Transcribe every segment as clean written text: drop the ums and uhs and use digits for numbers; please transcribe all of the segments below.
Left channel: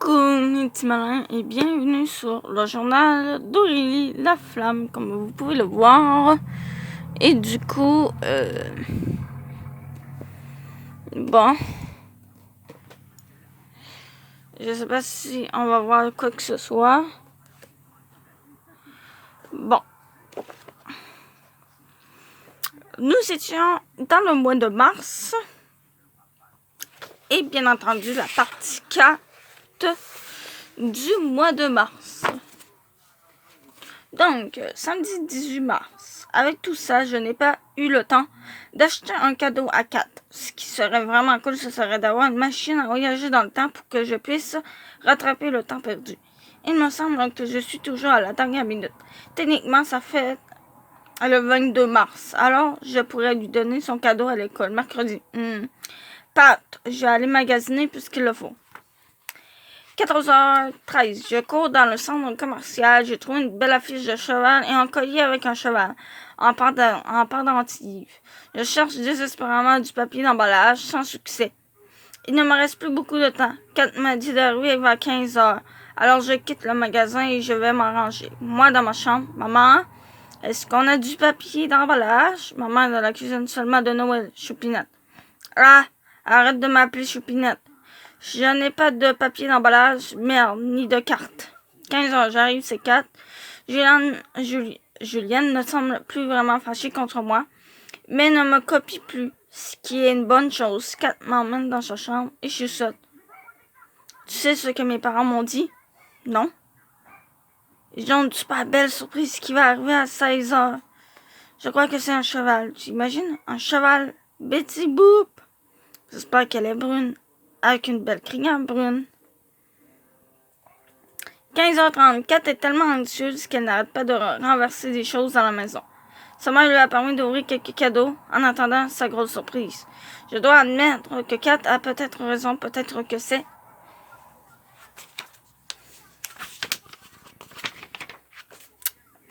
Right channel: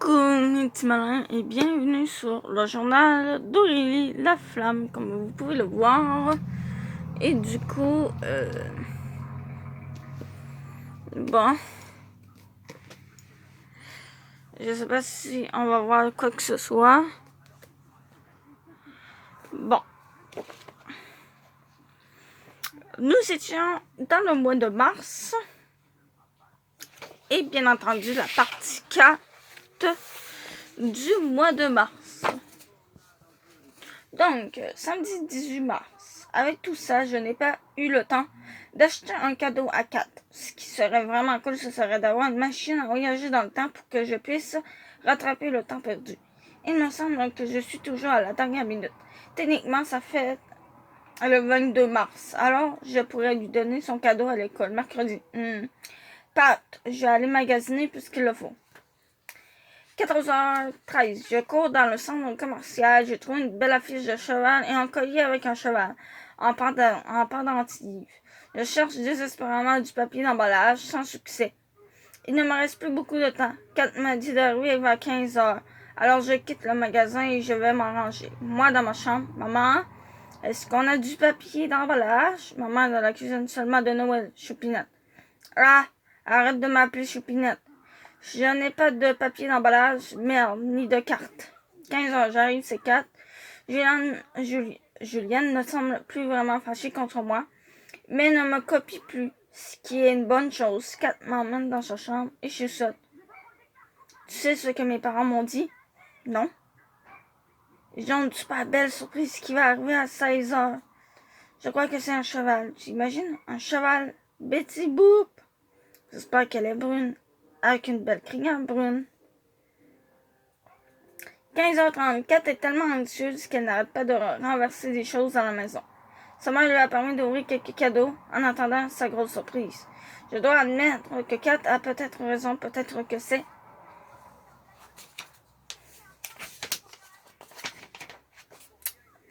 Coucou mes petits malins et bienvenue sur le journal d'Aurélie La Flamme, comme vous pouvez le voir. Et du coup, bon, je sais pas si on va voir quoi que ce soit. Bon, nous étions dans le mois de mars et bien entendu la partie 4 du mois de mars. Donc, samedi 18 mars, avec tout ça, je n'ai pas eu le temps d'acheter un cadeau à Kat. Ce qui serait vraiment cool, ce serait d'avoir une machine à voyager dans le temps pour que je puisse rattraper le temps perdu. Il me semble que je suis toujours à la dernière minute. Techniquement, ça fait le 22 mars. Alors, je pourrais lui donner son cadeau à l'école mercredi. Pat, je vais aller magasiner puisqu'il le faut. 14h13, je cours dans le centre commercial, j'ai trouvé une belle affiche de cheval et un collier avec un cheval en pendentif. Je cherche désespérément du papier d'emballage sans succès. Il ne me reste plus beaucoup de temps. Kat m'a dit d'arriver vers 15h. Alors je quitte le magasin et je vais m'arranger. Moi dans ma chambre, maman, est-ce qu'on a du papier d'emballage? Maman dans la cuisine seulement de Noël, Choupinette. Ah, arrête de m'appeler Choupinette. Je n'ai pas de papier d'emballage, merde, ni de carte. 15h, j'arrive, c'est 4. Julienne ne semble plus vraiment fâchée contre moi, mais ne me copie plus, ce qui est une bonne chose. 4 m'emmène dans sa chambre et je saute. Tu sais ce que mes parents m'ont dit? Non. Ils ont une super belle surprise qui va arriver à 16h. Je crois que c'est un cheval. Tu imagines? Un cheval Betty Boop. J'espère qu'elle est brune, avec une belle crinière brune. 15h30, Kat est tellement anxieuse qu'elle n'arrête pas de renverser des choses dans la maison. Sa mère lui a permis d'ouvrir quelques cadeaux en attendant sa grosse surprise. Je dois admettre que Kat a peut-être raison, peut-être que c'est.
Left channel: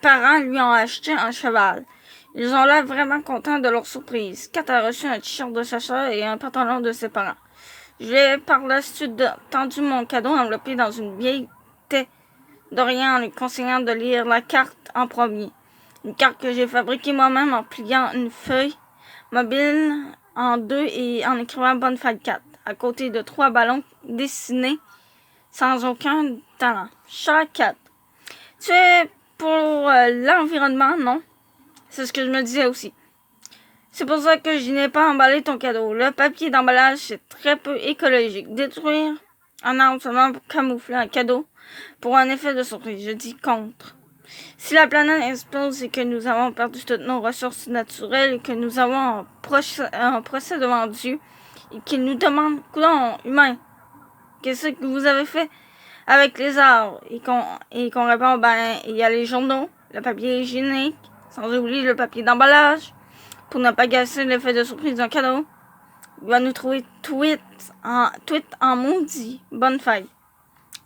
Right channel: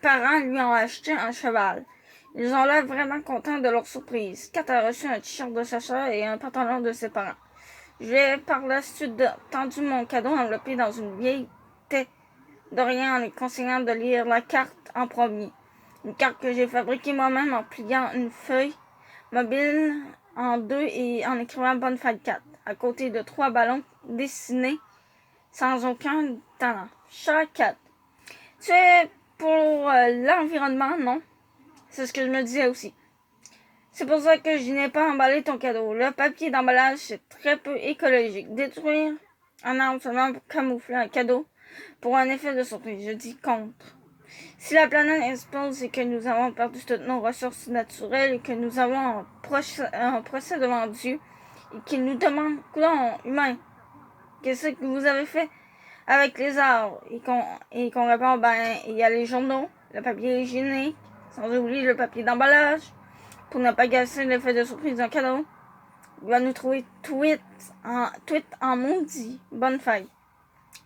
Parents lui ont acheté un cheval. Ils ont l'air vraiment contents de leur surprise. Kat a reçu un t-shirt de sa soeur et un pantalon de ses parents. Je lui ai par la suite tendu mon cadeau enveloppé dans une vieille tête d'Orient en lui conseillant de lire la carte en premier. Une carte que j'ai fabriquée moi-même en pliant une feuille mobile en deux et en écrivant Bonne fête 4 à côté de 3 ballons dessinés sans aucun talent. Cher 4. Tu es pour l'environnement, non? C'est ce que je me disais aussi. C'est pour ça que je n'ai pas emballé ton cadeau. Le papier d'emballage, c'est très peu écologique. Détruire un arbre seulement pour camoufler un cadeau pour un effet de surprise. Je dis contre. Si la planète explose et que nous avons perdu toutes nos ressources naturelles et que nous avons un procès devant Dieu et qu'il nous demande, coudonc, humain, qu'est-ce que vous avez fait avec les arbres? Et qu'on répond, ben, il y a les journaux, le papier hygiénique, sans oublier le papier d'emballage, pour ne pas gâcher l'effet de surprise d'un cadeau. Il va nous trouver tweet en maudit. Bonne fête.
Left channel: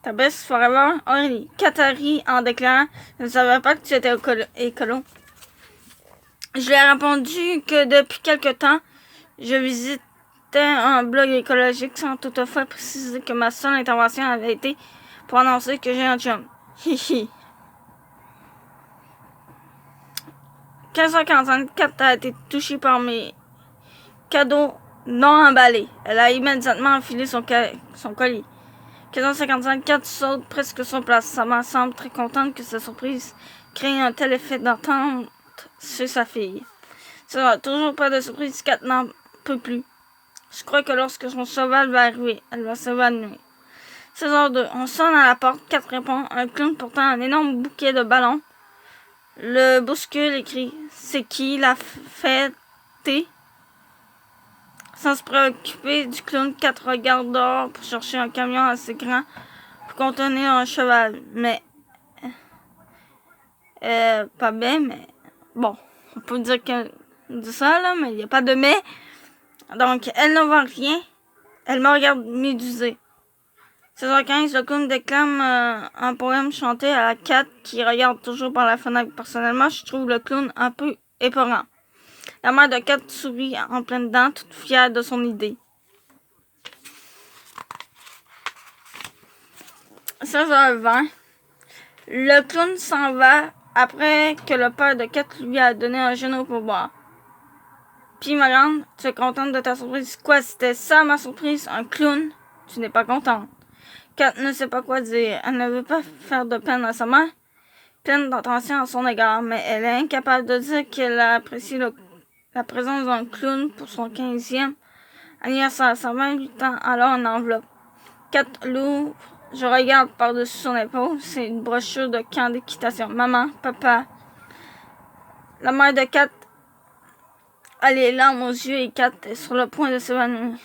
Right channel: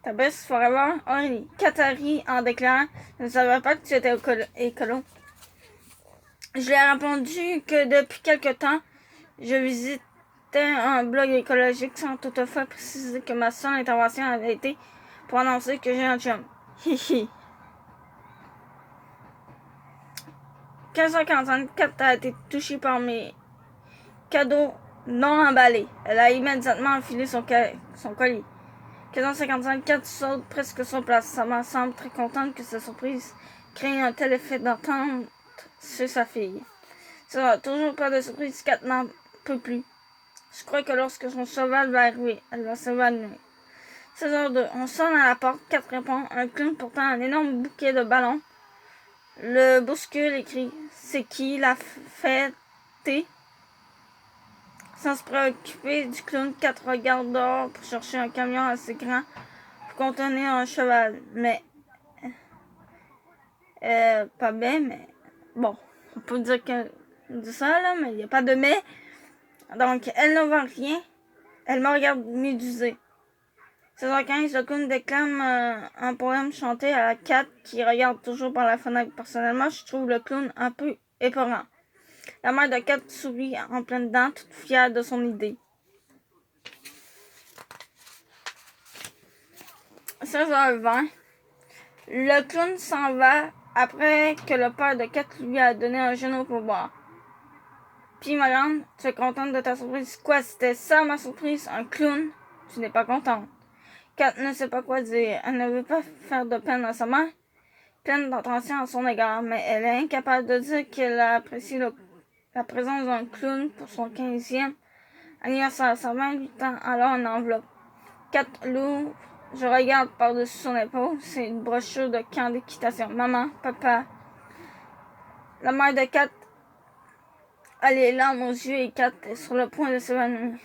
Ta best forever, Aurélie. Katari en déclarant « Je ne savais pas que tu étais écolo. » Je lui ai répondu que depuis quelque temps, je visitais un blog écologique sans toutefois préciser que ma seule intervention avait été pour annoncer que j'ai un chum. Hihi. 15h44 a été touchée par mes cadeaux non emballés. Elle a immédiatement enfilé son colis. 15h55, Kat saute presque sur place. Sa mère semble très contente que sa surprise crée un tel effet d'attente chez sa fille. Ça toujours pas de surprise, Kat n'en peut plus. Je crois que lorsque son cheval va arriver, elle va s'évanouir. 16h02, on sonne à la porte, Kat répond. Un clown portant un énorme bouquet de ballons le bouscule et crie « C'est qui la fêtée ?» Sans se préoccuper du clown, Kat regarde dehors pour chercher un camion assez grand pour contenir un cheval. Mais, pas bien, mais bon, on peut dire que dit ça, là, mais il n'y a pas de mais. Donc, elle ne voit rien. Elle me regarde médusée. 16h15, le clown déclame un poème chanté à la Kat qui regarde toujours par la fenêtre. Personnellement, je trouve le clown un peu épeurant. La mère de Kat sourit en pleine dents, toute fière de son idée. 16h20, le clown s'en va après que le père de Kat lui a donné un genou pour boire. Puis ma grande, tu es contente de ta surprise? Quoi, c'était ça ma surprise? Un clown? Tu n'es pas contente. Kat ne sait pas quoi dire. Elle ne veut pas faire de peine à sa mère, pleine d'attention à son égard, mais elle est incapable de dire qu'elle a apprécié la présence d'un clown pour son 15e anniversaire. Ça 28 ans, alors en enveloppe. Kat l'ouvre. Je regarde par-dessus son épaule. C'est une brochure de camp d'équitation. Maman, papa. La mère de Kat a les larmes aux yeux et Kat est sur le point de s'évanouir.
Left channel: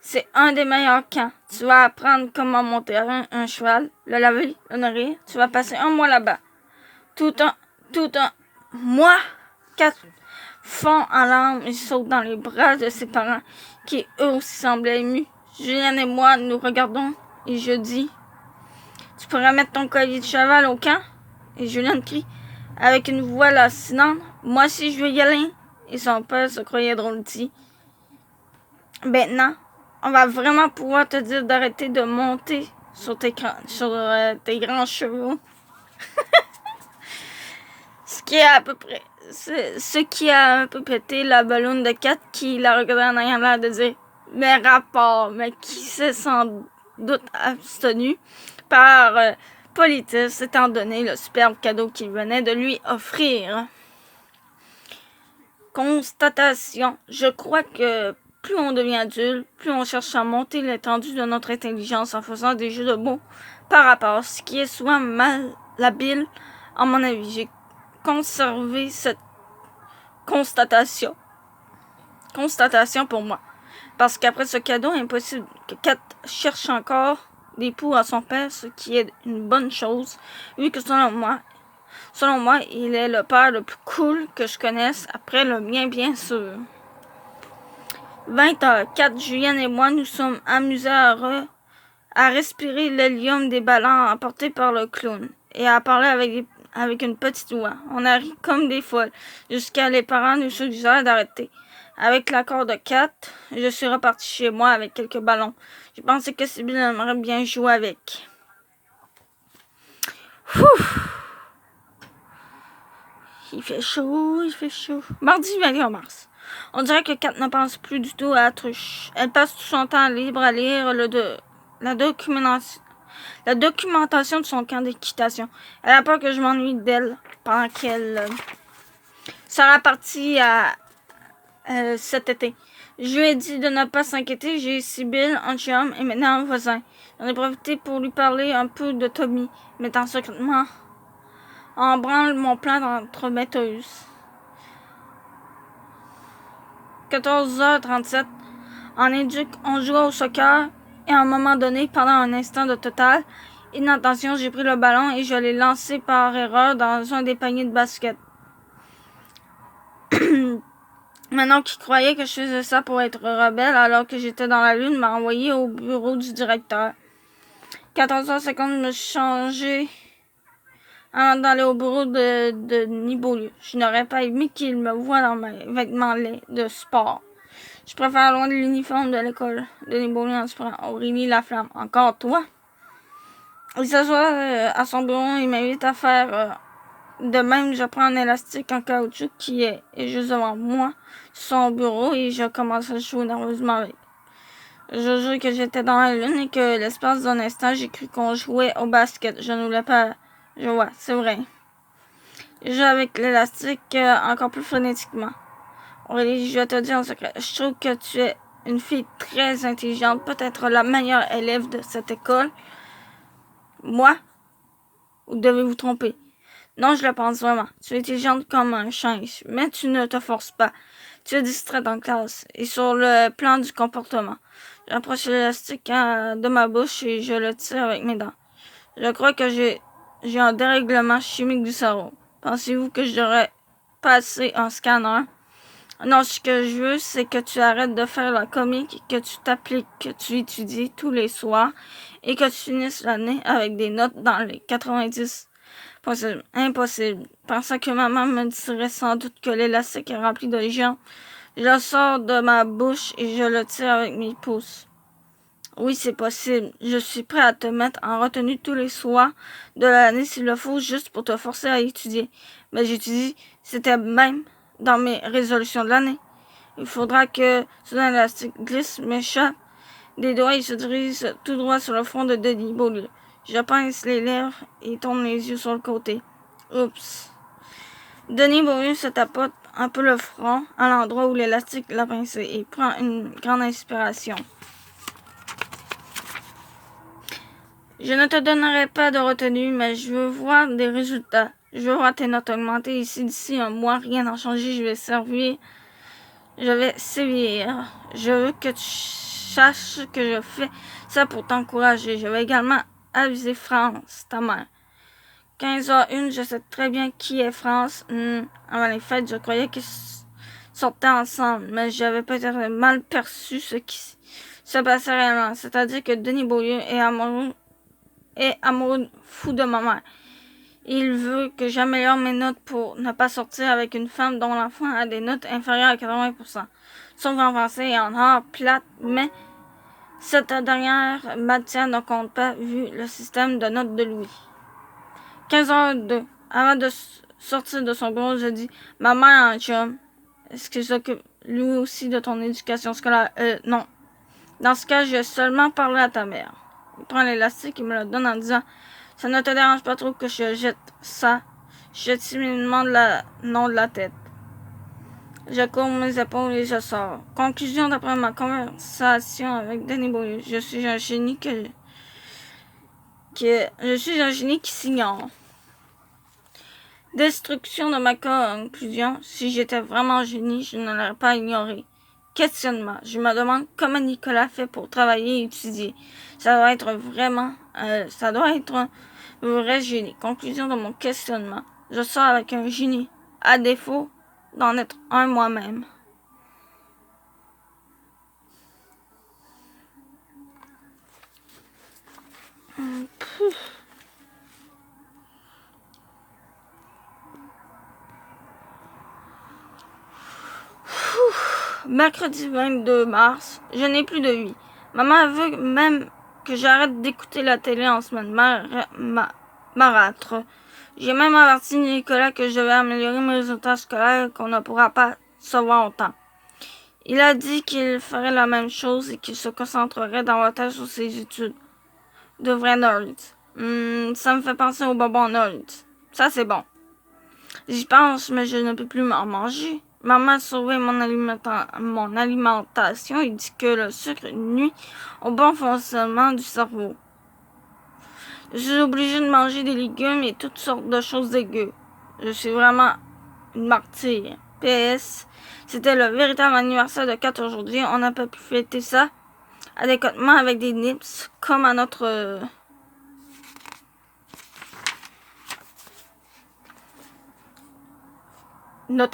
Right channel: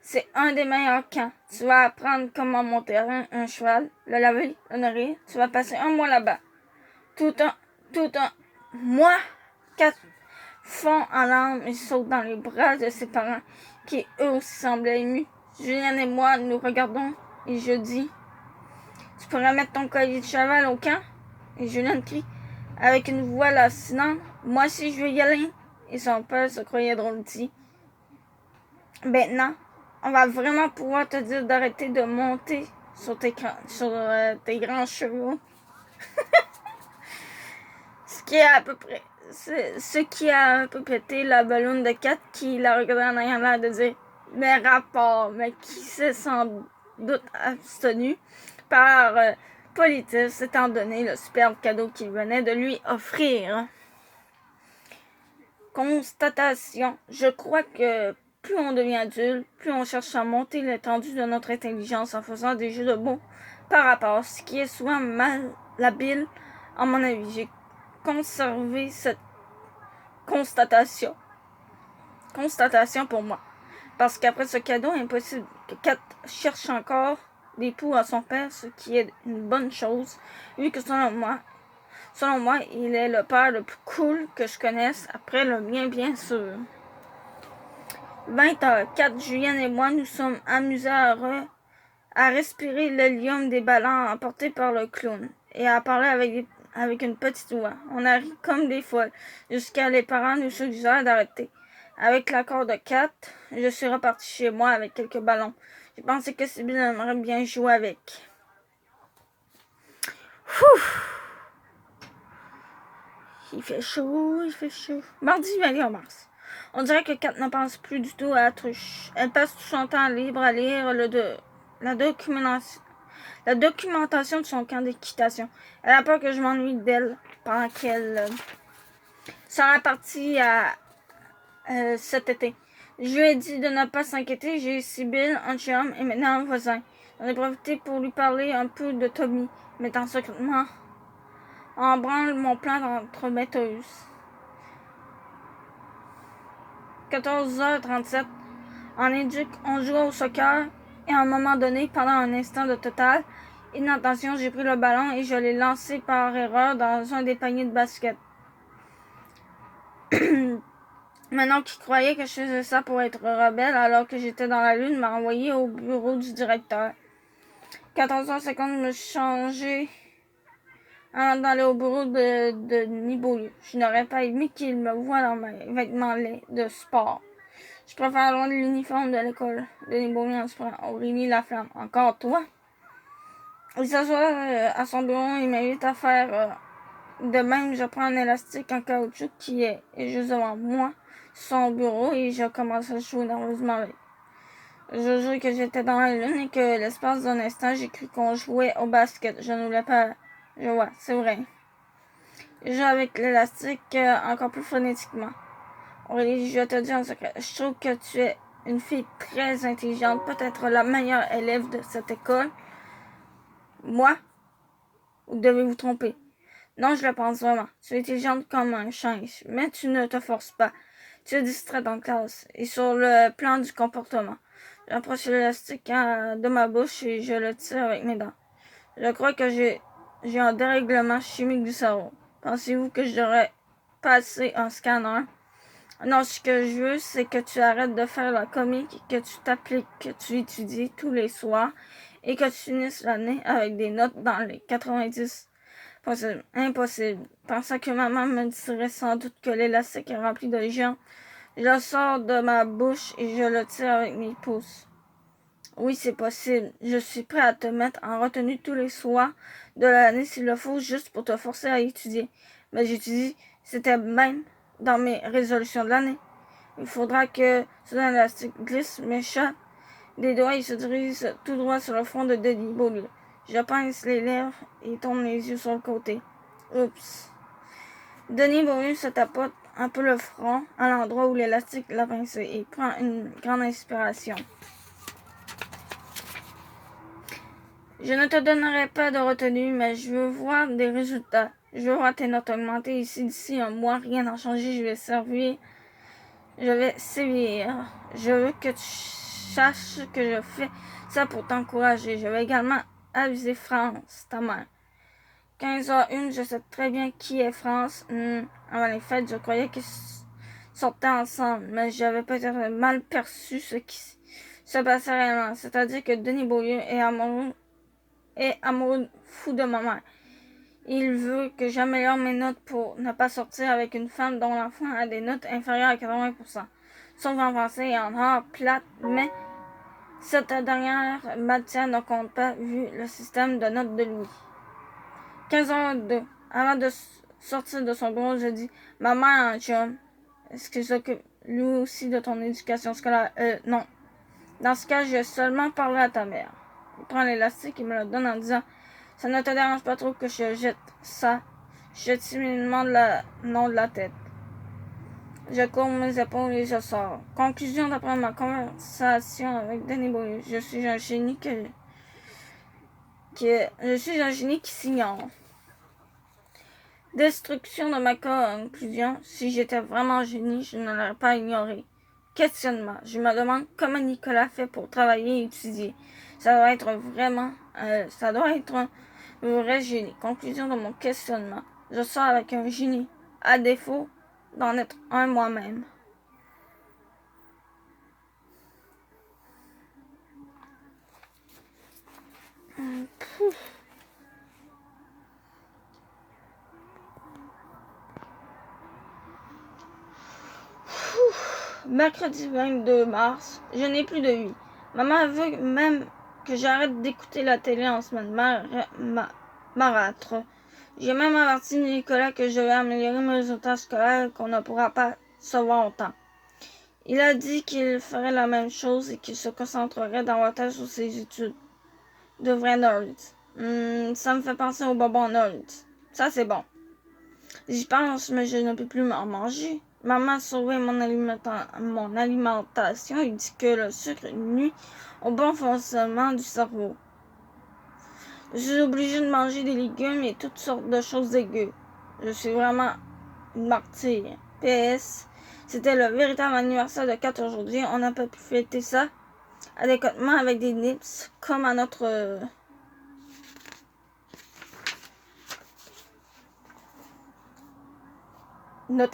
C'est un des meilleurs camps. Tu vas apprendre comment monter un cheval, le laver, le nourrir. Tu vas passer un mois là-bas. Tout un mois. Kat fond en larmes et saute dans les bras de ses parents, qui eux aussi semblaient émus. Julien et moi nous regardons et je dis: tu pourrais mettre ton collier de cheval au camp? Et Julien crie avec une voix lancinante: moi aussi je veux y aller. Et son père se croyait drôle dit: maintenant, on va vraiment pouvoir te dire d'arrêter de monter sur tes grands chevaux. Ce qui a un peu pété la ballonne de Kat, qui la regardait en ayant l'air de dire: mais rapport, mais qui s'est sans doute abstenu par politesse, étant donné le superbe cadeau qu'il venait de lui offrir. Constatation. Je crois que plus on devient adulte, plus on cherche à monter l'étendue de notre intelligence en faisant des jeux de mots par rapport, ce qui est souvent malhabile. À mon avis, j'ai conservé cette constatation pour moi. Parce qu'après ce cadeau, impossible que Kat cherche encore l'époux à son père, ce qui est une bonne chose, vu que selon moi, il est le père le plus cool que je connaisse, après le mien bien sûr. 20h, Kat, Julien et moi nous sommes amusés à respirer l'hélium des ballons apportés par le clown et à parler avec une petite voix. On a ri comme des folles, jusqu'à les parents nous suggèrent d'arrêter. Avec l'accord de Kat, je suis repartie chez moi avec quelques ballons. Je pensais que Sibylle aimerait bien jouer avec. Il fait chaud. Mardi 21 mars. On dirait que Kat ne pense plus du tout à la truche. Elle passe tout son temps libre à lire la documentation de son camp d'équitation. Elle a peur que je m'ennuie d'elle pendant qu'elle sera partie cet été. Je lui ai dit de ne pas s'inquiéter. J'ai Sibylle, un chum et maintenant un voisin. J'en ai profité pour lui parler un peu de Tommy, mettant secrètement en branle mon plan d'entremetteuse. 14h37. En éduc, on jouait au soccer et à un moment donné, pendant un instant de totale inattention, j'ai pris le ballon et je l'ai lancé par erreur dans un des paniers de basket. Manon, qui croyait que je faisais ça pour être rebelle alors que j'étais dans la lune, m'a envoyé au bureau du directeur. 14h50, je me suis changée avant d'aller au bureau de Nibolu. Je n'aurais pas aimé qu'il me voie dans mes vêtements laids de sport. Je préfère loin de l'uniforme de l'école de Nibolu en sport. Aurélie Laflamme. Encore toi? Il s'assoit à son bureau et m'invite à faire de même. Je prends un élastique en caoutchouc qui est juste devant moi sur son bureau et je commence à jouer nerveusement avec. Je jure que j'étais dans la lune et que l'espace d'un instant, j'ai cru qu'on jouait au basket. Je ne voulais pas jouer, c'est vrai. Je joue avec l'élastique encore plus frénétiquement. Aurélie, je vais te dire en secret, je trouve que tu es une fille très intelligente, peut-être la meilleure élève de cette école. Moi? Ou devez-vous tromper? Non, je le pense vraiment. Tu es intelligente comme un singe, mais tu ne te forces pas. Tu es distraite en classe et sur le plan du comportement. J'approche l'élastique de ma bouche et je le tire avec mes dents. Je crois que j'ai un dérèglement chimique du cerveau. Pensez-vous que je devrais passer un scanner? Non, ce que je veux, c'est que tu arrêtes de faire la comique, que tu t'appliques, que tu étudies tous les soirs et que tu finisses l'année avec des notes dans les 90. Impossible. Pensant que maman me dirait sans doute que l'élastique est rempli de géants, je le sors de ma bouche et je le tire avec mes pouces. Oui, c'est possible. Je suis prêt à te mettre en retenue tous les soirs de l'année s'il le faut, juste pour te forcer à étudier. Mais j'étudie, c'était même dans mes résolutions de l'année. Il faudra que soudain l'élastique glisse, m'échappe des doigts et se dirige tout droit sur le front de Denis Beaulieu. Je pince les lèvres et tourne les yeux sur le côté. Oups. Denis Beaulieu se tapote un peu le front à l'endroit où l'élastique l'a pincé et prend une grande inspiration. Je ne te donnerai pas de retenue, mais je veux voir des résultats. Je veux voir tes notes augmenter. Et si d'ici un mois, rien n'a changé, je vais sévir. Je veux que tu saches que je fais ça pour t'encourager. Je vais également aviser France, ta mère. 15h01, je sais très bien qui est France. Avant les fêtes, je croyais qu'ils sortaient ensemble, mais j'avais peut-être mal perçu ce qui se passait réellement. C'est-à-dire que Denis Beaulieu est amoureux fou de ma mère. Il veut que j'améliore mes notes pour ne pas sortir avec une femme dont l'enfant a des notes inférieures à 80%. Sauf en français et en art plate, mais cette dernière matière ne compte pas vu le système de notes de Louis. 15h02. Avant de sortir de son bureau, je dis « Ma mère a un chum. Est-ce qu'il s'occupe lui aussi de ton éducation scolaire? Non. Dans ce cas, je vais seulement parler à ta mère. » Il prend l'élastique et me le donne en disant « Ça ne te dérange pas trop que je jette ça? » Je jette timidement le nom de la tête. Je courbe mes épaules et je sors. Conclusion d'après ma conversation avec Denis Beaulieu. Je suis un génie qui s'ignore. Destruction de ma conclusion. Si j'étais vraiment un génie, je ne l'aurais pas ignoré. Questionnement. Je me demande comment Nicolas fait pour travailler et étudier. Ça doit être un vrai génie. Conclusion de mon questionnement. Je sors avec un génie, à défaut d'en être un moi-même. Mercredi 22 mars, je n'ai plus de vie. Maman veut même que j'arrête d'écouter la télé en semaine marâtre. J'ai même averti Nicolas que je vais améliorer mes résultats scolaires et qu'on ne pourra pas se voir autant. Il a dit qu'il ferait la même chose et qu'il se concentrerait davantage sur ses études. De vrais nerds. Ça me fait penser aux bonbons nerds. Ça, c'est bon. J'y pense, mais je ne peux plus m'en manger. Maman a sauvé mon alimentation et dit que le sucre nuit au bon fonctionnement du cerveau. Je suis obligée de manger des légumes et toutes sortes de choses dégueu. Je suis vraiment une martyre. PS, c'était le véritable anniversaire de Kat aujourd'hui. On n'a pas pu fêter ça adéquatement avec des nips comme à notre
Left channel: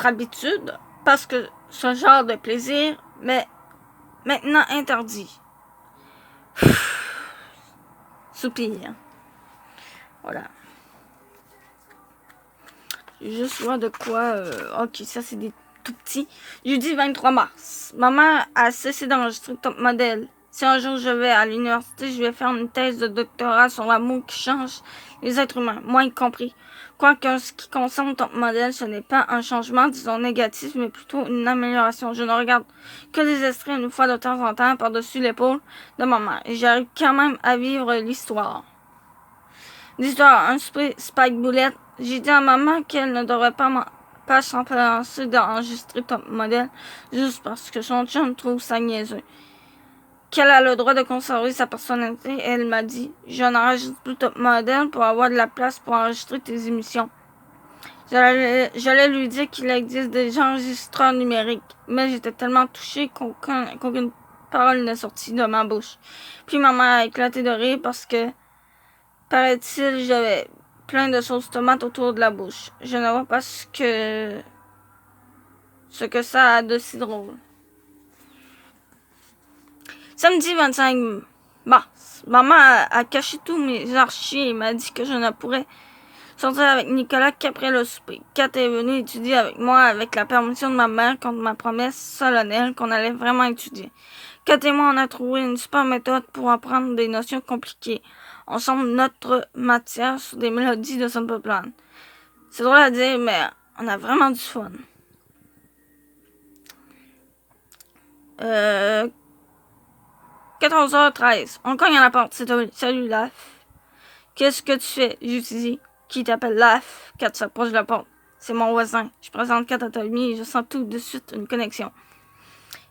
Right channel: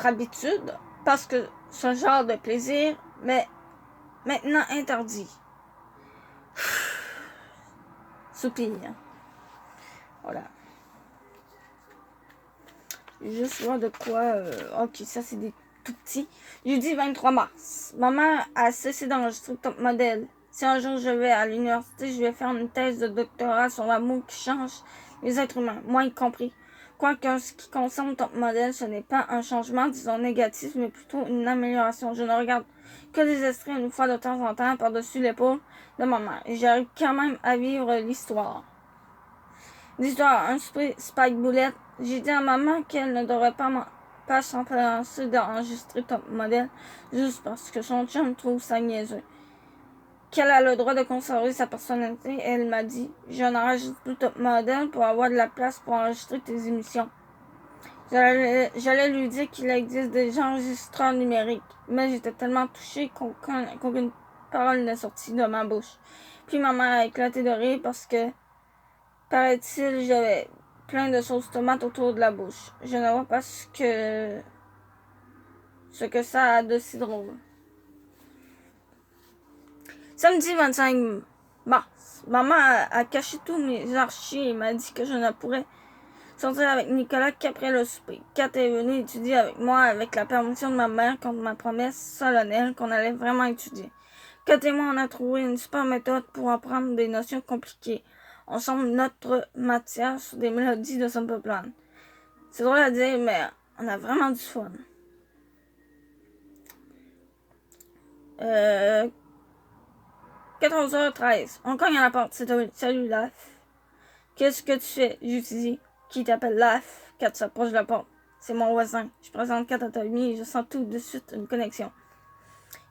habitude, parce que ce genre de plaisir m'est maintenant interdit. Soupir. Voilà. Juste voir de quoi. Ok, ça c'est des tout petits. Jeudi 23 mars. Maman a cessé d'enregistrer Top Model. Si un jour je vais à l'université, je vais faire une thèse de doctorat sur l'amour qui change les êtres humains, moi y compris. Quoique en ce qui concerne Top Model, ce n'est pas un changement, disons négatif, mais plutôt une amélioration. Je ne regarde que des extraits une fois de temps en temps par-dessus l'épaule de maman. Et j'arrive quand même à vivre l'histoire. L'histoire, un Spike Bullet. J'ai dit à maman qu'elle ne devrait pas s'empresser d'enregistrer Top Model juste parce que son chum trouve ça niaiseux. Qu'elle a le droit de conserver sa personnalité. Et elle m'a dit, je n'enregistre plus Top Model pour avoir de la place pour enregistrer tes émissions. J'allais lui dire qu'il existe des enregistreurs numériques, mais j'étais tellement touchée qu'aucune parole n'est sortie de ma bouche. Puis maman a éclaté de rire parce que, paraît-il, j'avais plein de sauce tomate autour de la bouche. Je ne vois pas ce que ça a de si drôle. Samedi 25 mars. Maman a caché tous mes archives et m'a dit que je ne pourrais sortir avec Nicolas qu'après le souper. Kat est venue étudier avec moi avec la permission de ma mère contre ma promesse solennelle qu'on allait vraiment étudier. Kat et moi, on a trouvé une super méthode pour apprendre des notions compliquées. On semble notre matière sur des mélodies de Simple Plan. C'est drôle à dire, mais on a vraiment du fun. 14h13. On cogne à la porte. C'est toi. Salut, Laf. Qu'est-ce que tu fais? J'utilise. Qui t'appelle Laf? Kat s'approche de la porte. C'est mon voisin. Je présente Kat à Tommy et je sens tout de suite une connexion.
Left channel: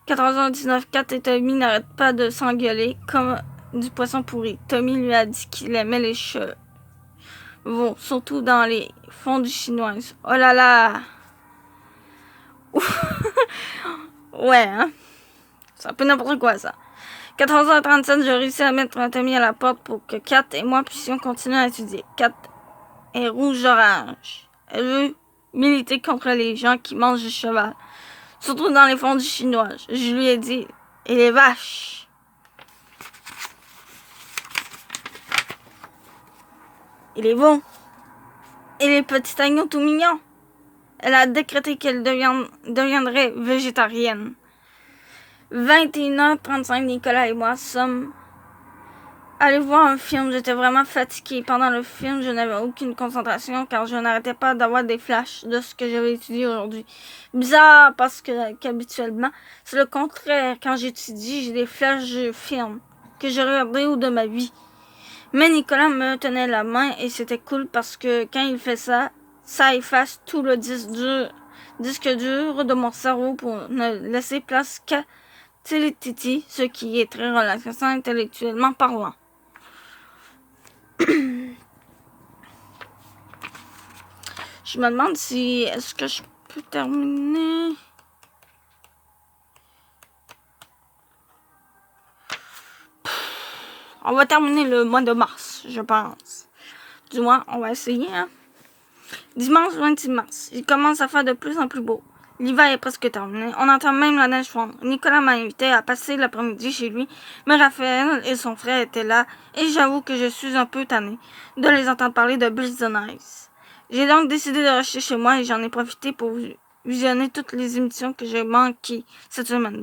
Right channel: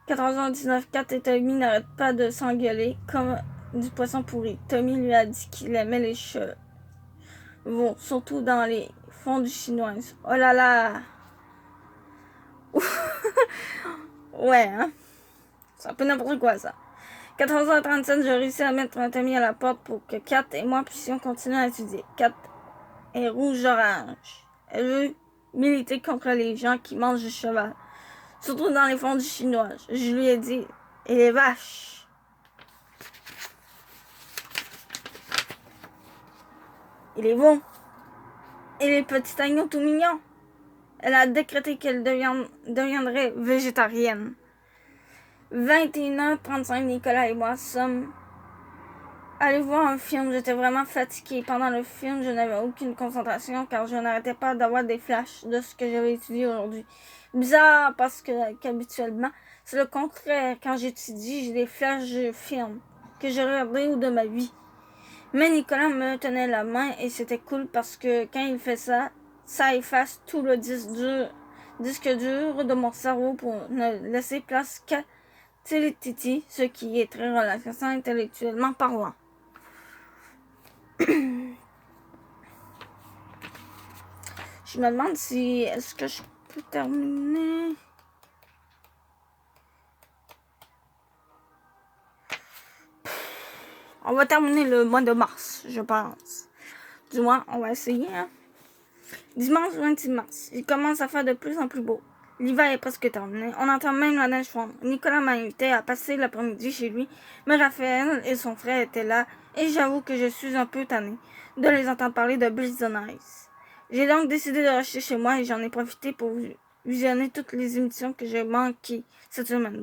14h19. Kat et Tommy n'arrêtent pas de s'engueuler comme du poisson pourri. Tommy lui a dit qu'il aimait les chevaux, surtout dans les fondues chinoises. Oh là là! Ouais, hein? C'est un peu n'importe quoi, ça. 14h37, j'ai réussi à mettre Tommy à la porte pour que Kat et moi puissions continuer à étudier. Kat est rouge-orange. Elle veut militer contre les gens qui mangent du cheval, surtout dans les fondues chinoises. Je lui ai dit, et les vaches. Et les veaux. Et les petits agneaux tout mignons. Elle a décrété qu'elle deviendrait végétarienne. 21h35, Nicolas et moi sommes allés voir un film. J'étais vraiment fatiguée. Pendant le film, je n'avais aucune concentration car je n'arrêtais pas d'avoir des flashs de ce que j'avais étudié aujourd'hui. Bizarre parce qu'habituellement, c'est le contraire. Quand j'étudie, j'ai des flashs de films que j'ai regardés ou de ma vie. Mais Nicolas me tenait la main et c'était cool parce que quand il fait ça, ça efface tout le disque dur de mon cerveau pour ne laisser place qu'à Titi, ce qui est très relaxant intellectuellement parlant. Je me demande si est-ce que je peux terminer. On va terminer le mois de mars, je pense. Du moins, on va essayer. Hein? Dimanche 26 mars, il commence à faire de plus en plus beau. L'hiver est presque terminé. On entend même la neige fondre. Nicolas m'a invité à passer l'après-midi chez lui, mais Raphaël et son frère étaient là, et j'avoue que je suis un peu tannée de les entendre parler de Blitz on Ice. J'ai donc décidé de rester chez moi et j'en ai profité pour visionner toutes les émissions que j'ai manquées cette semaine,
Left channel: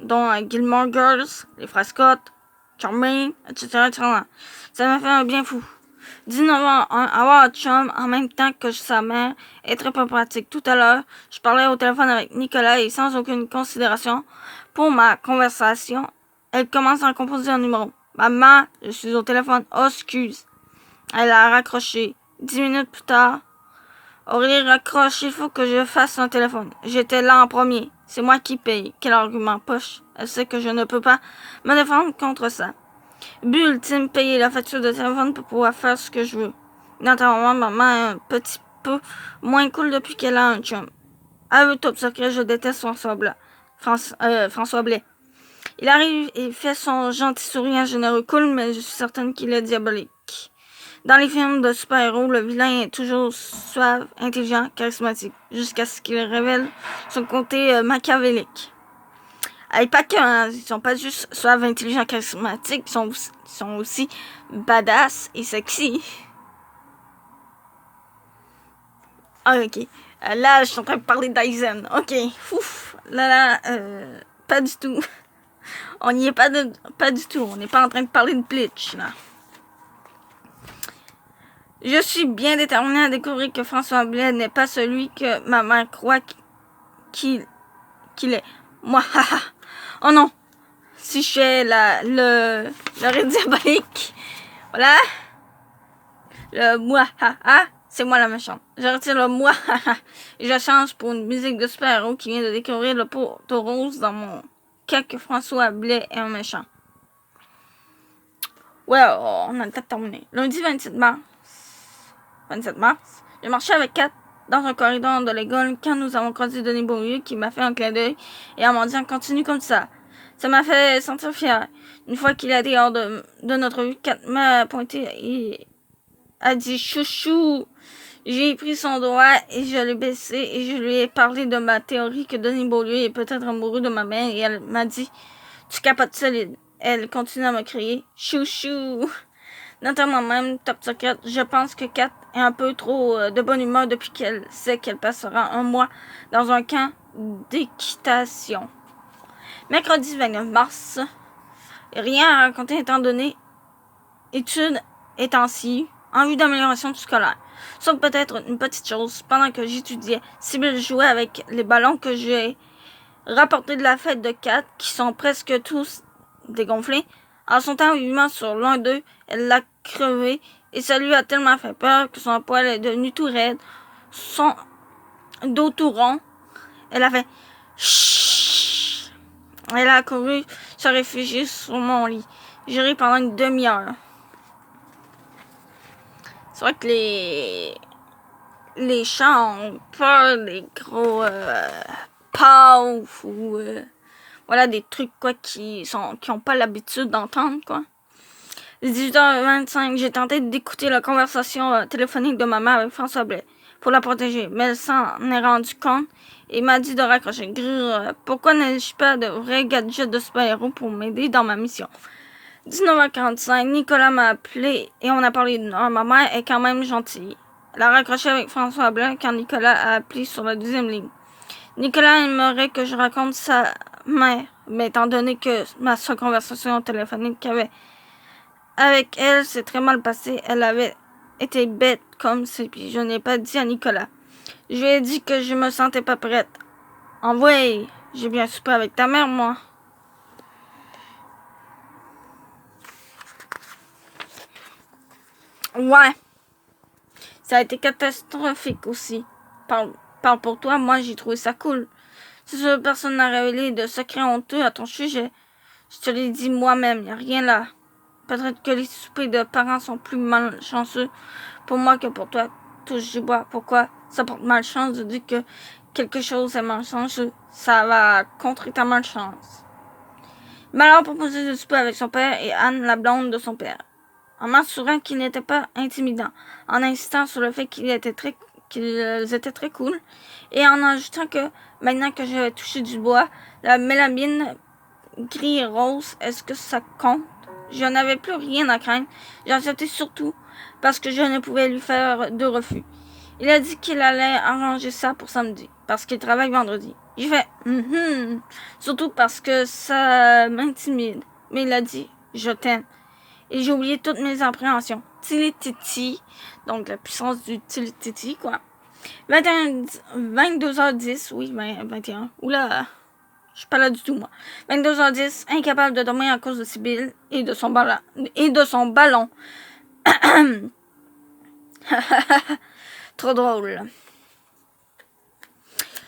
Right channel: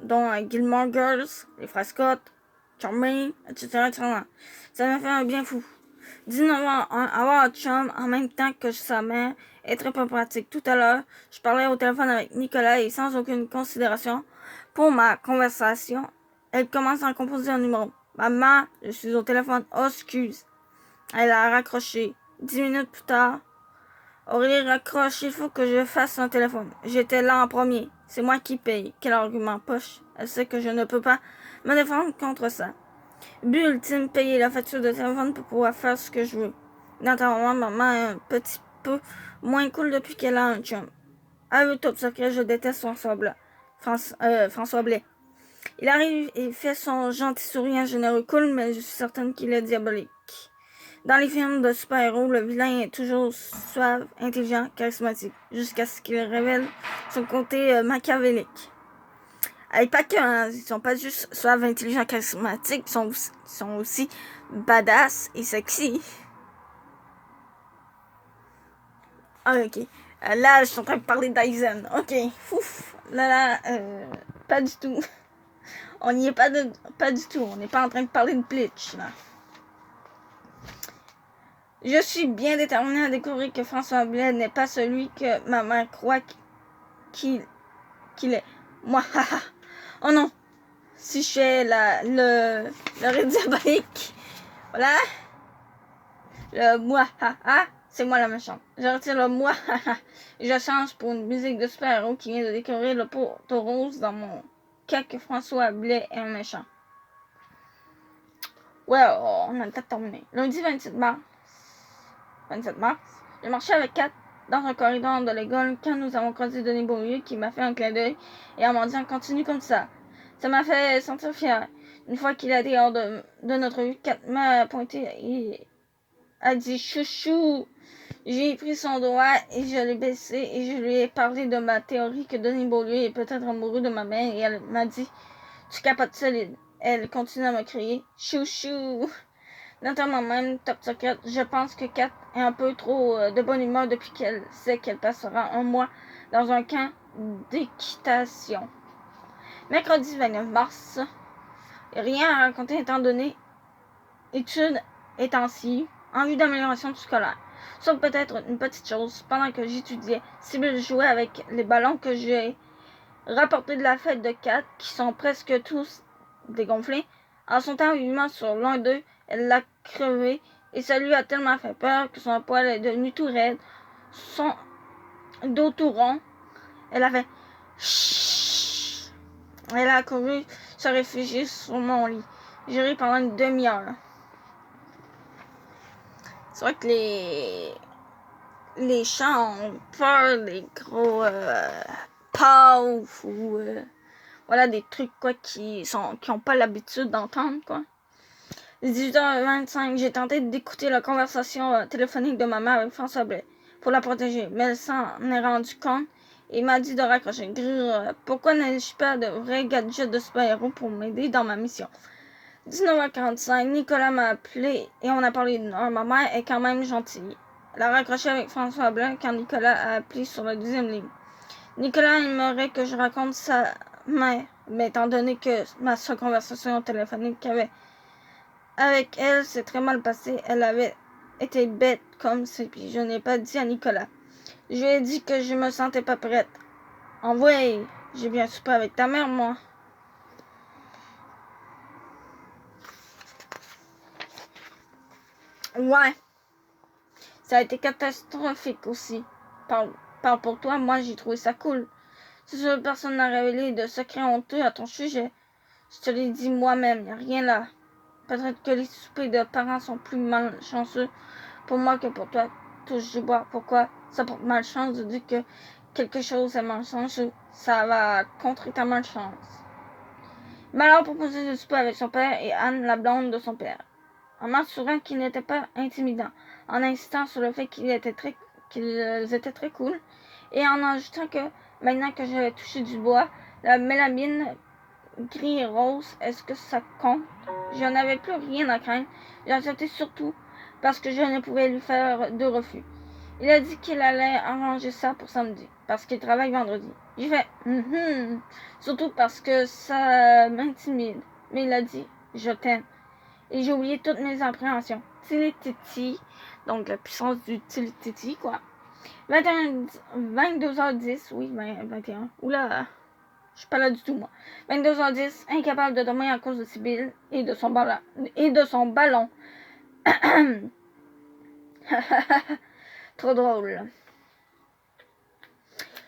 dont Gilmore Girls, Les Frères Scott, Charming, etc., etc. Ça m'a fait un bien fou. 19h01, avoir un chum en même temps que sa mère est très peu pratique. Tout à l'heure, je parlais au téléphone avec Nicolas et sans aucune considération pour ma conversation, elle commence à composer un numéro. Maman, je suis au téléphone. Oh, excuse. Elle a raccroché. 10 minutes plus tard, Aurélie raccroche. Il faut que je fasse un téléphone. J'étais là en premier. C'est moi qui paye. Quel argument poche. Elle sait que je ne peux pas me défendre contre ça. But ultime, payer la facture de téléphone pour pouvoir faire ce que je veux. Naturellement, maman est un petit peu moins cool depuis qu'elle a un chum. Aveu top secret, je déteste François Blais. Il arrive et fait son gentil sourire généreux cool, mais je suis certaine qu'il est diabolique. Dans les films de super-héros, le vilain est toujours suave, intelligent, charismatique, jusqu'à ce qu'il révèle son côté machiavélique. Et pas que, hein, ils sont pas juste suaves, intelligents, charismatiques, ils sont aussi badass et sexy. Ah, ok. Là, je suis en train de parler d'Aizen. Ok. Ouf. Là, pas du tout. On n'y est pas du tout. On n'est pas en train de parler de Bleach, là. Je suis bien déterminée à découvrir que François Blais n'est pas celui que ma mère croit qu'il est. Moi, haha. Oh non. Si je fais le rire diabolique, voilà. Le moi, haha. C'est moi la méchante. Je retire le moi, haha. Et je change pour une musique de super-héros qui vient de découvrir le poteau rose dans mon cas que François Blais est un méchant. Ouais, on a le temps de terminer. Lundi 27 mars, j'ai marché avec Kat dans un corridor de l'école quand nous avons croisé Denis Beaulieu qui m'a fait un clin d'œil et en m'en disant continue comme ça. Ça m'a fait sentir fière. Une fois qu'il a été hors de notre vue, Kat m'a pointé et a dit chouchou. J'ai pris son doigt et je l'ai baissé et je lui ai parlé de ma théorie que Denis Beaulieu est peut-être amoureux de ma mère et elle m'a dit tu capotes solide. Elle continue à me crier chouchou. Notamment même, top secret, je pense que Kat est un peu trop de bonne humeur depuis qu'elle sait qu'elle passera un mois dans un camp d'équitation. Mercredi 29 mars. Rien à raconter étant donné études étant-ci en vue d'amélioration du scolaire. Sauf peut-être une petite chose, pendant que j'étudiais, Sibylle jouait avec les ballons que j'ai rapportés de la fête de 4, qui sont presque tous dégonflés. En sautant vivement sur l'un d'eux, elle l'a crevé, et ça lui a tellement fait peur que son poil est devenu tout raide, son dos tout rond. Elle a fait chut. Elle a couru se réfugier sur mon lit. J'ai ri pendant une demi-heure. C'est vrai que les chats ont peur des gros pauvres ou voilà des trucs quoi qui ont pas l'habitude d'entendre quoi. 18h25, j'ai tenté d'écouter la conversation téléphonique de ma mère avec François Blais pour la protéger, mais elle s'en est rendue compte et m'a dit de raccrocher. Pourquoi n'ai-je pas de vrai gadget de super-héros pour m'aider dans ma mission? 19h45, Nicolas m'a appelé et on a parlé d'une heure. Ma mère est quand même gentille. Elle a raccroché avec François Blanc quand Nicolas a appelé sur la deuxième ligne. Nicolas aimerait que je raconte sa mère, mais étant donné que ma seule conversation téléphonique avec elle s'est très mal passée, elle avait été bête comme c'est, puis je n'ai pas dit à Nicolas. Je lui ai dit que je me sentais pas prête. Envoyez, j'ai bien soupé avec ta mère, moi. Ouais. Ça a été catastrophique aussi. Parle pour toi, moi j'ai trouvé ça cool. Si personne n'a révélé de secret honteux à ton sujet, je te l'ai dit moi-même, y a rien là. Peut-être que les soupers de parents sont plus malchanceux pour moi que pour toi. Touche du bois. Pourquoi ça porte malchance de dire que quelque chose est malchanceux? Ça va contrer ta malchance. Malheur proposé de souper avec son père et Anne, la blonde de son père. En m'assurant qu'il n'était pas intimidant, en insistant sur le fait qu'ils étaient très cool, et en ajoutant que, maintenant que j'avais touché du bois, la mélamine gris et rose, est-ce que ça compte? Je n'avais plus rien à craindre. J'ai accepté surtout parce que je ne pouvais lui faire de refus. Il a dit qu'il allait arranger ça pour samedi, parce qu'il travaille vendredi. J'ai fait surtout parce que ça m'intimide. Mais il a dit, je t'aime. Et j'ai oublié toutes mes appréhensions. Tili-titi, donc la puissance du tili-titi, quoi. 22h10, oui, 21. Oula, je suis pas là du tout, moi. 22h10, incapable de dormir à cause de Sibylle et de son ballon. Trop drôle.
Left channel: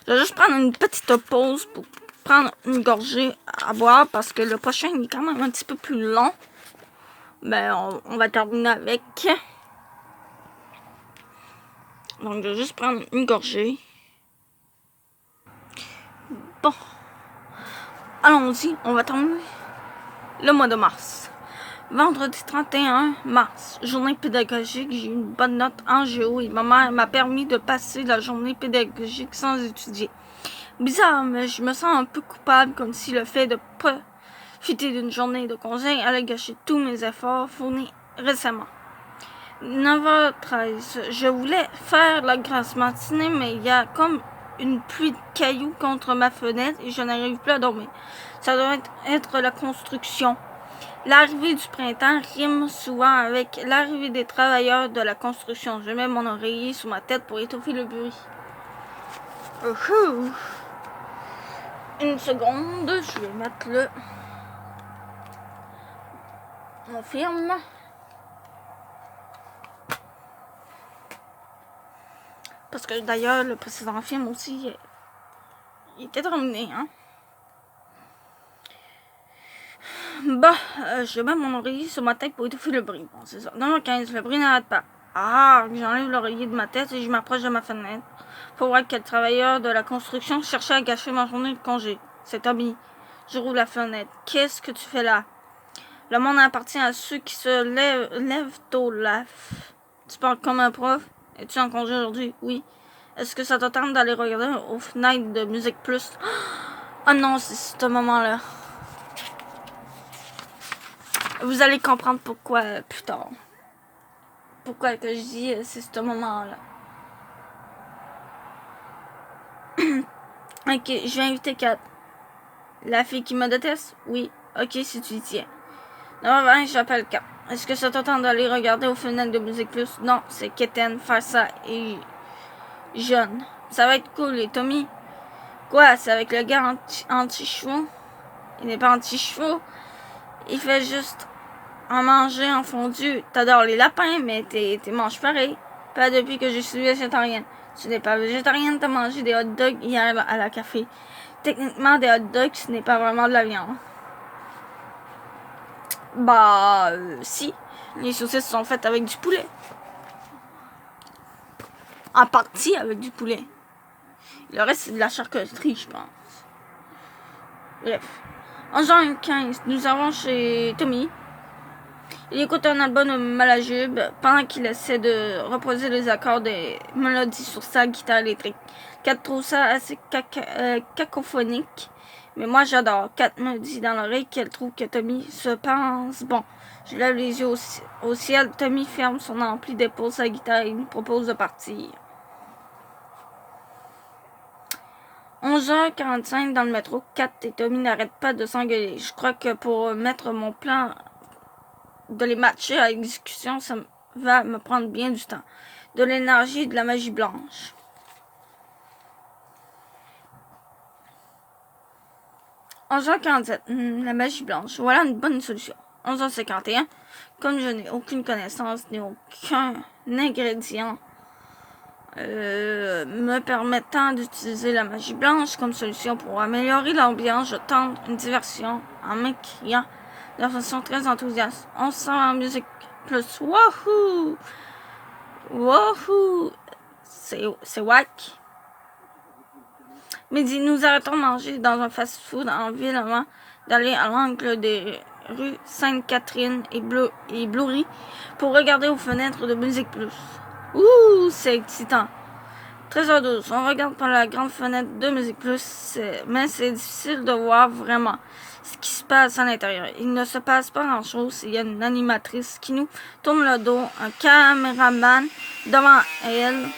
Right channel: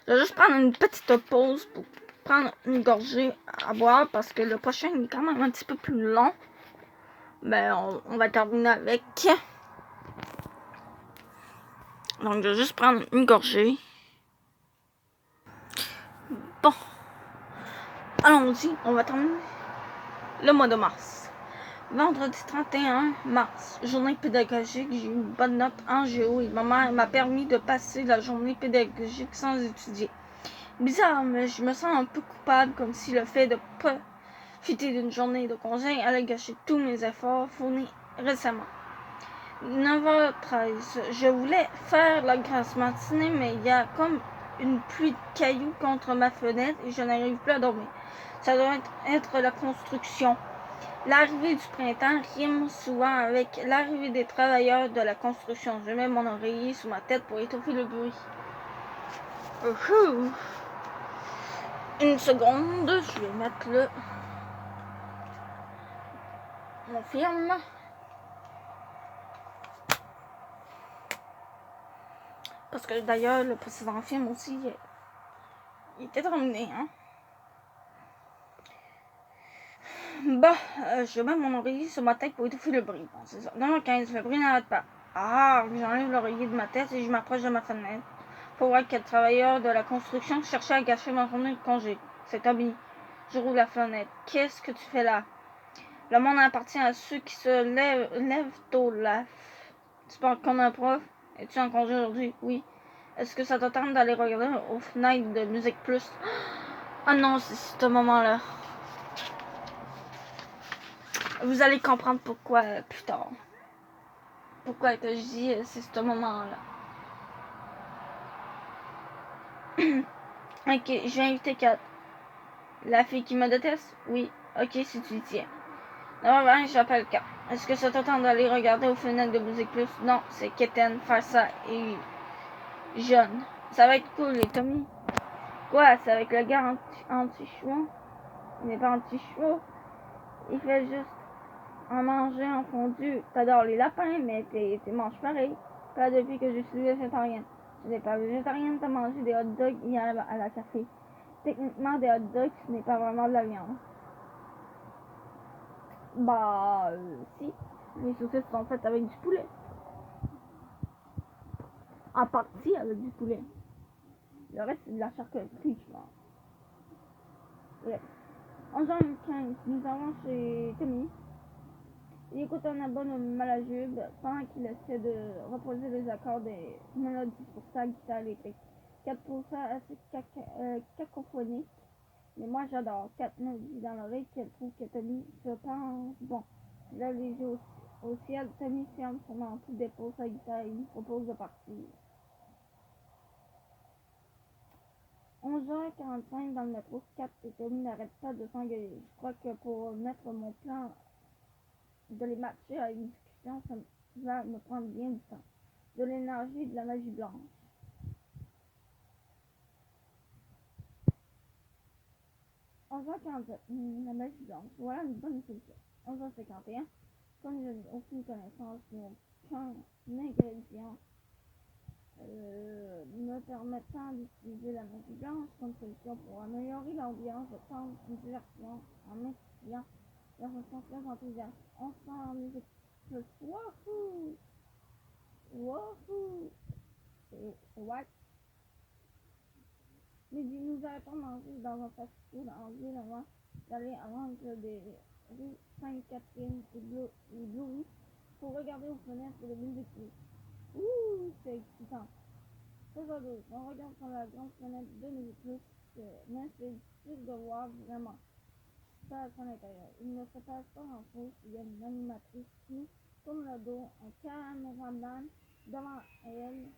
Je vais juste prendre une petite pause pour prendre une gorgée à boire parce que le prochain est quand même un petit peu plus long. Ben, on va terminer avec. Donc, je vais juste prendre une gorgée. Bon. Allons-y, on va terminer le mois de mars. Vendredi 31 mars, journée pédagogique, j'ai eu une bonne note en géo et ma mère m'a permis de passer la journée pédagogique sans étudier. Bizarre, mais je me sens un peu coupable, comme si le fait de profiter d'une journée de congé allait gâcher tous mes efforts fournis récemment. 9h13, je voulais faire la grasse matinée, mais il y a comme une pluie de cailloux contre ma fenêtre et je n'arrive plus à dormir. Ça doit être la construction. L'arrivée du printemps rime souvent avec l'arrivée des travailleurs de la construction. Je mets mon oreiller sous ma tête pour étouffer le bruit. Une seconde, je vais mettre mon film. Parce que d'ailleurs, le précédent film aussi, il était terminé, hein. Je mets mon oreiller sur ma tête pour étouffer le bruit. Bon, c'est ça. 9h15, le bruit n'arrête pas. J'enlève l'oreiller de ma tête et je m'approche de ma fenêtre pour voir quel travailleur de la construction cherchait à gâcher ma journée de congé. C'est Tommy. Je rouvre la fenêtre. Qu'est-ce que tu fais là? Le monde appartient à ceux qui se lèvent tôt là. Tu parles comme un prof? Es-tu en congé aujourd'hui? Oui. Est-ce que ça te tente d'aller regarder aux fenêtres de Musique Plus? Oh non, c'est ce moment-là. Vous allez comprendre pourquoi plus tard. Pourquoi que je dis c'est ce moment-là. Ok, je vais inviter Kat. La fille qui me déteste? Oui. Ok, si tu y tiens. 9h20, j'appelle Cap. Est-ce que ça t'attend d'aller regarder aux fenêtres de Musique Plus? Non, c'est Keten, faire ça et jeune. Ça va être cool. Et Tommy? Quoi? C'est avec le gars anti-chevaux? Il n'est pas anti-chevaux. Il fait juste en manger en fondu. T'adores les lapins, mais t'es manges pareil. Pas depuis que je suis végétarienne. Tu n'es pas végétarienne, t'as mangé des hot dogs hier à la café. Techniquement, des hot dogs, ce n'est pas vraiment de la viande. Bah, si. Les saucisses sont faites avec du poulet. En partie avec du poulet. Le reste, c'est de la charcuterie, je pense. Bref. En juin 15, nous avons chez Tommy. Il écoute un album de Malajube pendant qu'il essaie de reproduire les accords des mélodies sur sa guitare électrique. Kat trouve ça assez cacophonique, mais moi j'adore. Kat me dit dans l'oreille qu'elle trouve que Tommy se pense bon. Je lève les yeux au ciel. Tommy ferme son ampli, dépose sa guitare et nous propose de partir. 11h45 dans le métro, Kat et Tommy n'arrêtent pas de s'engueuler. Je crois que pour mettre mon plan de les matcher à l'exécution, ça va me prendre bien du temps. De l'énergie et de la magie blanche. « 11h47, la magie blanche. Voilà une bonne solution. 11h51, comme je n'ai aucune connaissance ni aucun ingrédient me permettant d'utiliser la magie blanche comme solution pour améliorer l'ambiance, je tente une diversion en m'écriant de façon très enthousiaste. On se sent en musique plus. Wouhou! Wouhou! C'est wack. Midi, nous arrêtons de manger dans un fast-food en ville avant d'aller à l'angle des rues Sainte-Catherine et Bleury pour regarder aux fenêtres de Musique Plus. Ouh, c'est excitant. 13h12, on regarde par la grande fenêtre de Musique Plus, mais c'est difficile de voir vraiment ce qui se passe à l'intérieur. Il ne se passe pas grand-chose. Il y a une animatrice qui nous tourne le dos, un caméraman devant elle.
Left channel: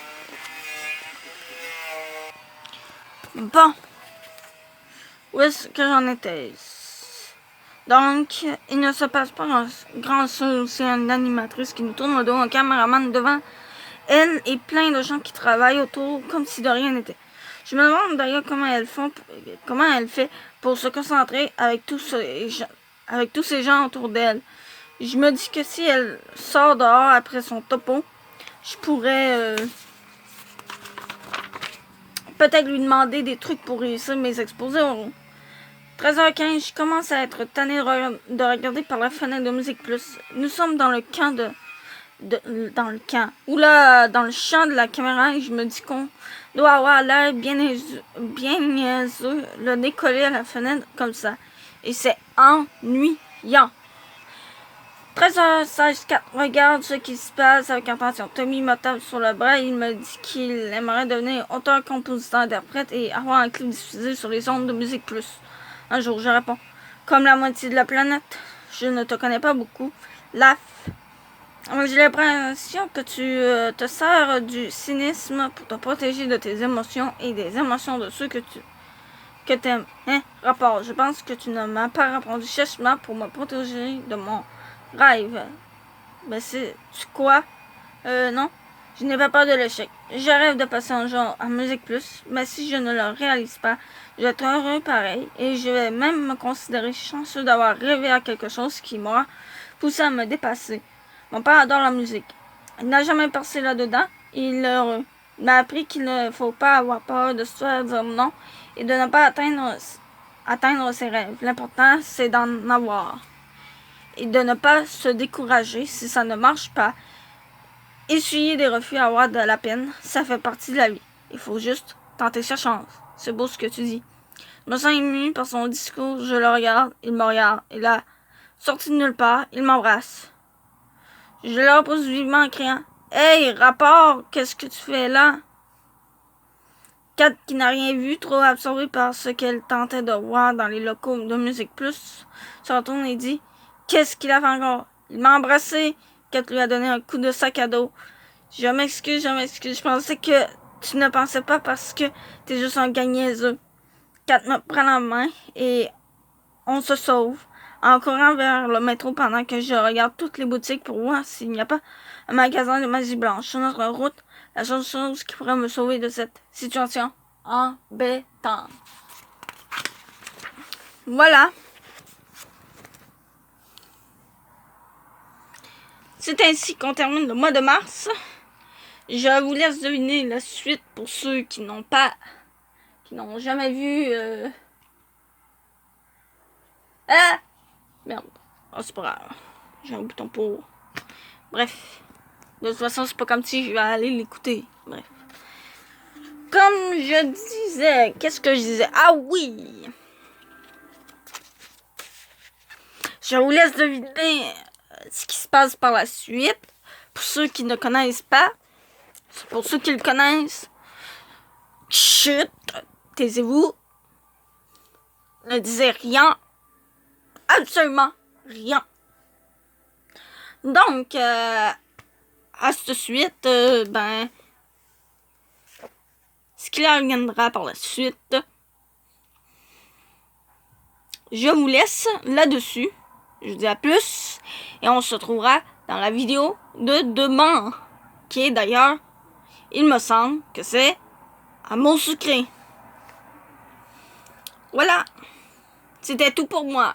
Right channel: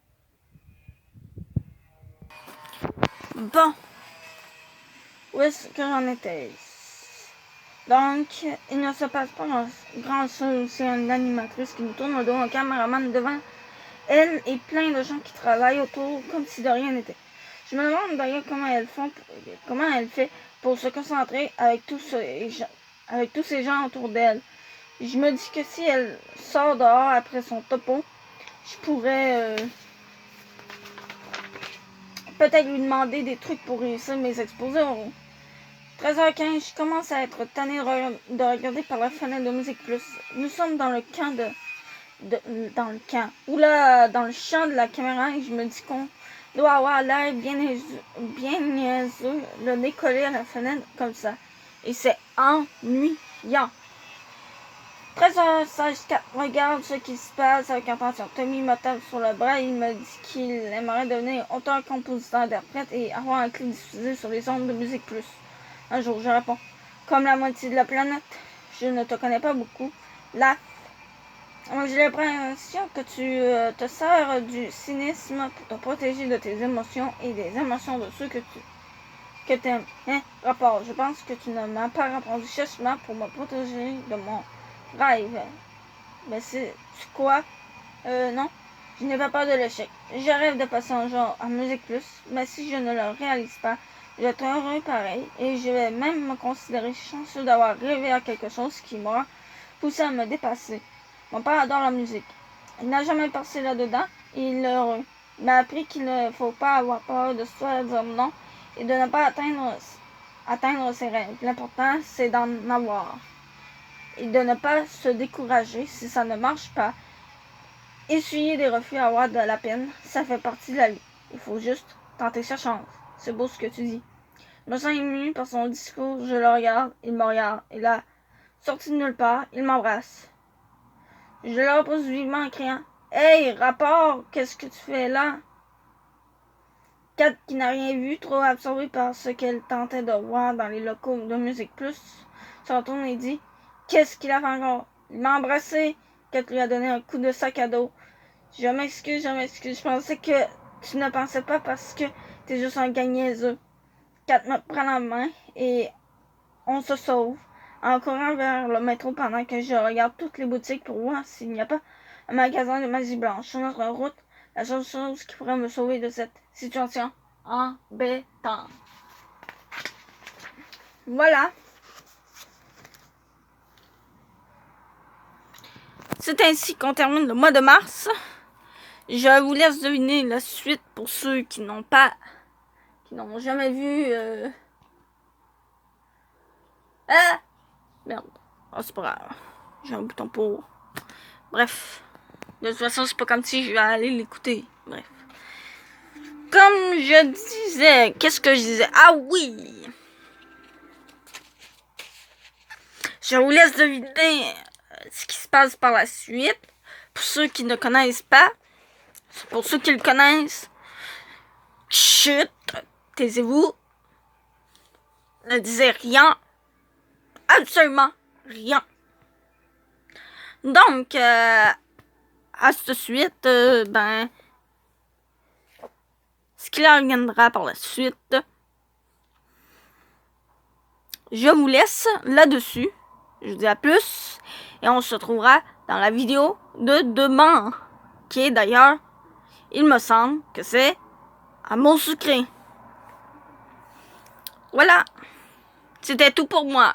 Bon, où est-ce que j'en étais? Donc, il ne se passe pas grand-chose. C'est une animatrice qui nous tourne le dos, un caméraman devant elle et plein de gens qui travaillent autour comme si de rien n'était. Je me demande d'ailleurs comment elle fait pour se concentrer avec tous ces gens autour d'elle. Je me dis que si elle sort dehors après son topo, je pourrais peut-être lui demander des trucs pour réussir mes expositions. 13h15, je commence à être tannée de regarder par la fenêtre de Musique Plus. Nous sommes dans le camp dans le champ de la caméra, et je me dis qu'on doit avoir l'air bien niaiseux, le décoller à la fenêtre comme ça. Et c'est ennuyant. 13h16, Kat regarde ce qui se passe avec attention. Tommy me tape sur le bras et il me dit qu'il aimerait devenir auteur, compositeur, interprète et avoir un clip diffusé sur les ondes de Musique Plus. Un jour, je réponds. Comme la moitié de la planète, je ne te connais pas beaucoup. J'ai l'impression que tu te sers du cynisme pour te protéger de tes émotions et des émotions de ceux que t'aimes. Rapport, je pense que tu ne m'as pas répondu sèchement pour me protéger de mon rêve. Mais c'est quoi? Non, je n'ai pas peur de l'échec. Je rêve de passer un jour à Musique Plus, mais si je ne le réalise pas, je vais être heureux pareil et je vais même me considérer chanceux d'avoir rêvé à quelque chose qui m'a poussé à me dépasser. Mon père adore la musique. Il n'a jamais percé là-dedans et il est heureux. Il m'a appris qu'il ne faut pas avoir peur de se faire dire non et de ne pas atteindre ses rêves. L'important, c'est d'en avoir. Et de ne pas se décourager si ça ne marche pas. Essuyer des refus, avoir de la peine, ça fait partie de la vie. Il faut juste tenter sa chance. C'est beau ce que tu dis. Je me sens ému par son discours. Je le regarde, il me regarde. Et là, sorti de nulle part, il m'embrasse. Je le repose vivement en criant « Hey, rapport, qu'est-ce que tu fais là? » Kat, qui n'a rien vu, trop absorbée par ce qu'elle tentait de voir dans les locaux de Musique Plus, se retourne et dit « Qu'est-ce qu'il a fait encore? » Il m'a embrassé. Kat lui a donné un coup de sac à dos. Je m'excuse. Je pensais que tu ne pensais pas parce que t'es juste un gars niaiseux. Kat me prend la main et on se sauve en courant vers le métro pendant que je regarde toutes les boutiques pour voir s'il n'y a pas un magasin de magie blanche sur notre route. La seule chose qui pourrait me sauver de cette situation embêtante. Voilà. C'est ainsi qu'on termine le mois de mars. Je vous laisse deviner la suite pour ceux qui n'ont jamais vu. Ah! Merde. Oh, c'est pas grave. J'ai un bouton pour. Bref. De toute façon, c'est pas comme si je vais aller l'écouter. Bref. Comme je disais, qu'est-ce que je disais? Ah oui! Je vous laisse deviner ce qui se passe par la suite. Pour ceux qui ne connaissent pas, pour ceux qui le connaissent, chut, taisez-vous. Ne disez rien. Absolument rien. Donc, à cette suite, ce qu'il reviendra par la suite, je vous laisse là-dessus. Je vous dis à plus. Et on se retrouvera dans la vidéo de demain. Qui est d'ailleurs, il me semble que c'est à mon sucré. Voilà. C'était tout pour moi.